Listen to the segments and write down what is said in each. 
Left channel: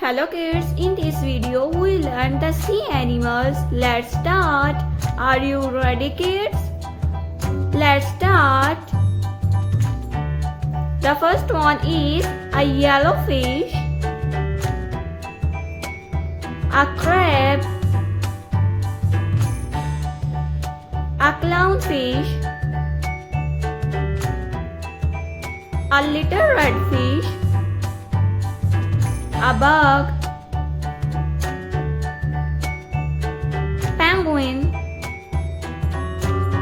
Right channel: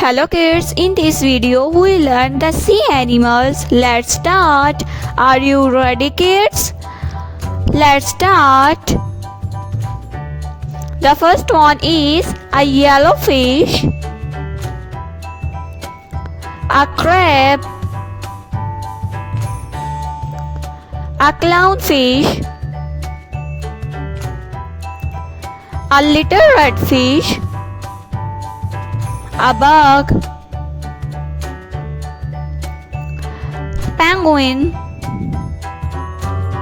Hello kids, in this video we learn the sea animals. Let's start. Are you ready kids? Let's start. The first one is a yellowfish, a crab, a clownfish, a little redfish, a bug, penguin,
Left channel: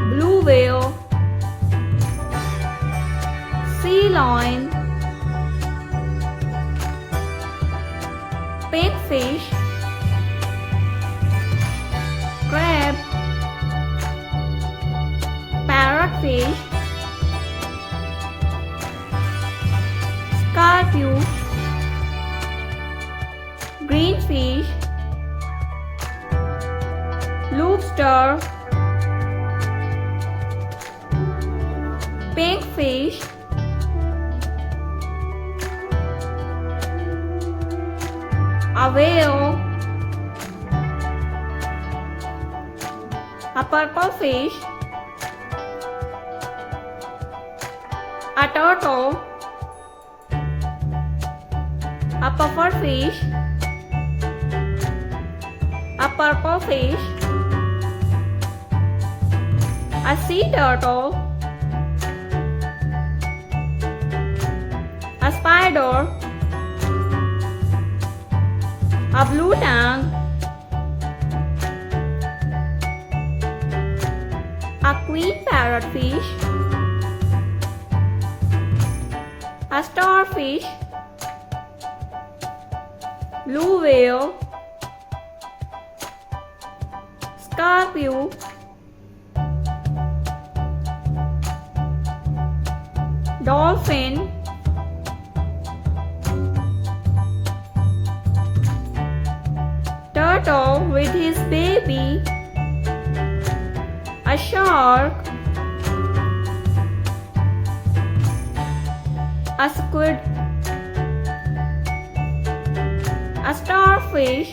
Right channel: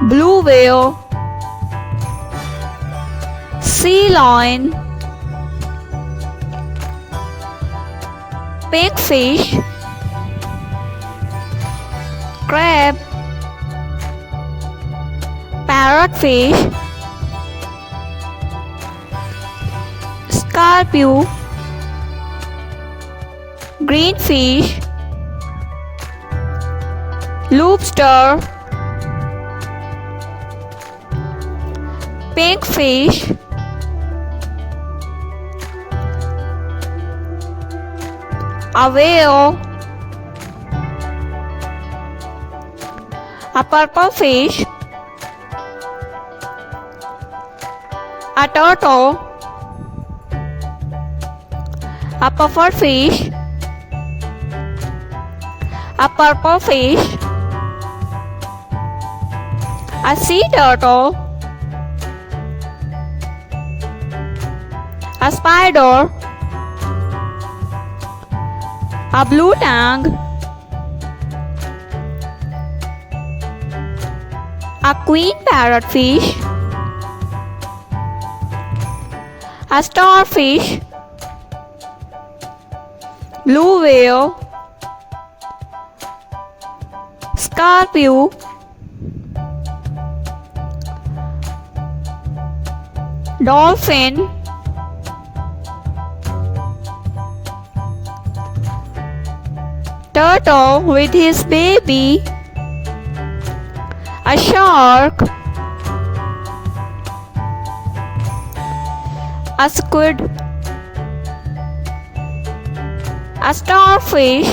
blue whale, sea lion, pigfish, crab, parrotfish, scorpio, greenfish, lobster, pigfish, a whale, a purple fish, a turtle, a puffer fish, a purple fish, a sea turtle, a spider, a blue tang, a queen parrotfish, a starfish, blue whale, scorpio, dolphin, turtle with his baby, a shark, a squid, a starfish,